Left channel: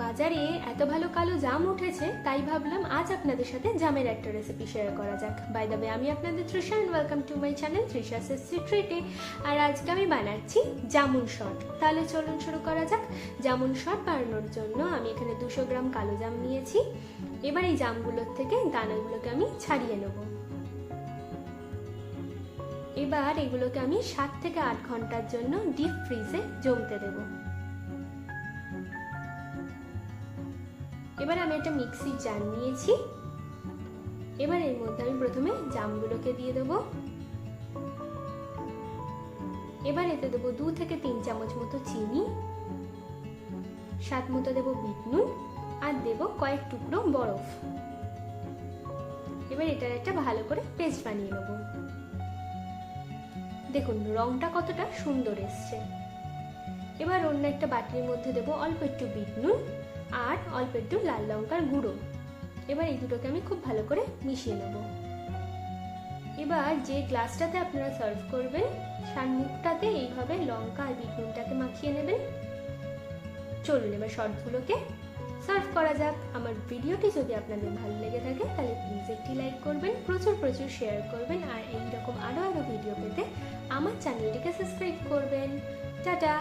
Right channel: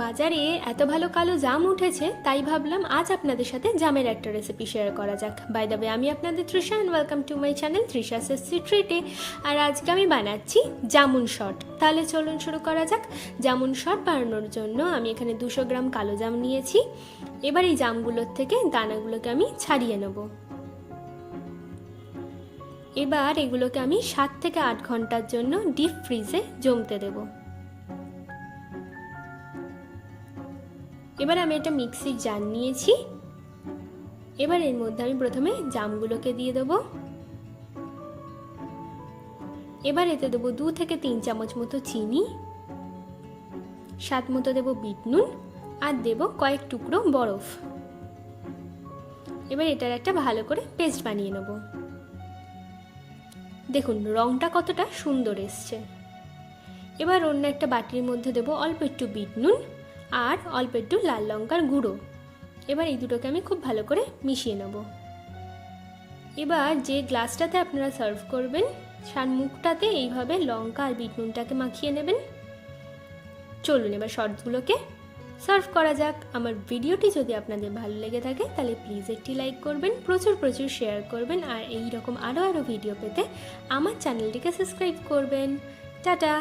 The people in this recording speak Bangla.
বাজারে এত ভালো কালো জাম উঠেছে, তাই ভাবলাম আজ আপনাদের সাথে জামের একটা রেসিপি শেয়ার করা যাক। বাই দ্য ওয়ে, আমি আপনাদের Trisha and welcome to my channel Trisha সেসি ট্রিটে। আর আজকে আমি বানাচ্ছি জামুন শট। তাহলে চলুন শুরু করা যাক। জামুন শট বানানোর জন্য আমি এখানে 200 গ্রাম কালো জাম নিয়েছি। এবার এই জামগুলোর থেকে দানাগুলোকে আমি ছাড়িয়ে নেব। এবার এগুলোকে আমি 7 থেকে 8 ঘন্টার জন্য ডিপ ফ্রিজে জমতে দেবো। এবার আমি একটা মিক্সির জার নিয়েছি। এবার এর মধ্যে আমি প্রথমে জামগুলোকে দিয়ে দেবো। এবার এতে দেবো 2 থেকে 3 চামচ মতো চিনি, স্বাদ মতো দেবো বিট নুন, আর দেবো কয়েক টুকরো বরফ। এবার এটার একটা ভালো করে পেস্ট বানিয়ে নেব। দেখুন রংটা কতটা সুন্দর এসছে। এবার অন্য একটা বাটির মধ্যে দেবো অল্প একটু বিট নুন আর অল্প একটু লাল লঙ্কার গুঁড়ো। এবার এই দুটোকে আমি খুব ভালো করে মিশিয়ে নেব। এবার যে গ্লাসটাতে আপনারা সার্ভ করবেন তার মুখটাতে এইভাবে লঙ্কা আর বিট নুনটাকে মাখিয়ে নেবেন। চলুন এবার শর্টগুলোকে সার্ভ করা যাক। আমার ভিডিওটি যদি আপনাদের ভালো লেগে থাকে তাহলে প্লিজ একটি লাইক করবেন, প্রচুর প্রচুর শেয়ার করবেন, আর এই রকম আরও ভিডিও পেতে আমার চ্যানেলটিকে সাবস্ক্রাইব করবেন। টাটা।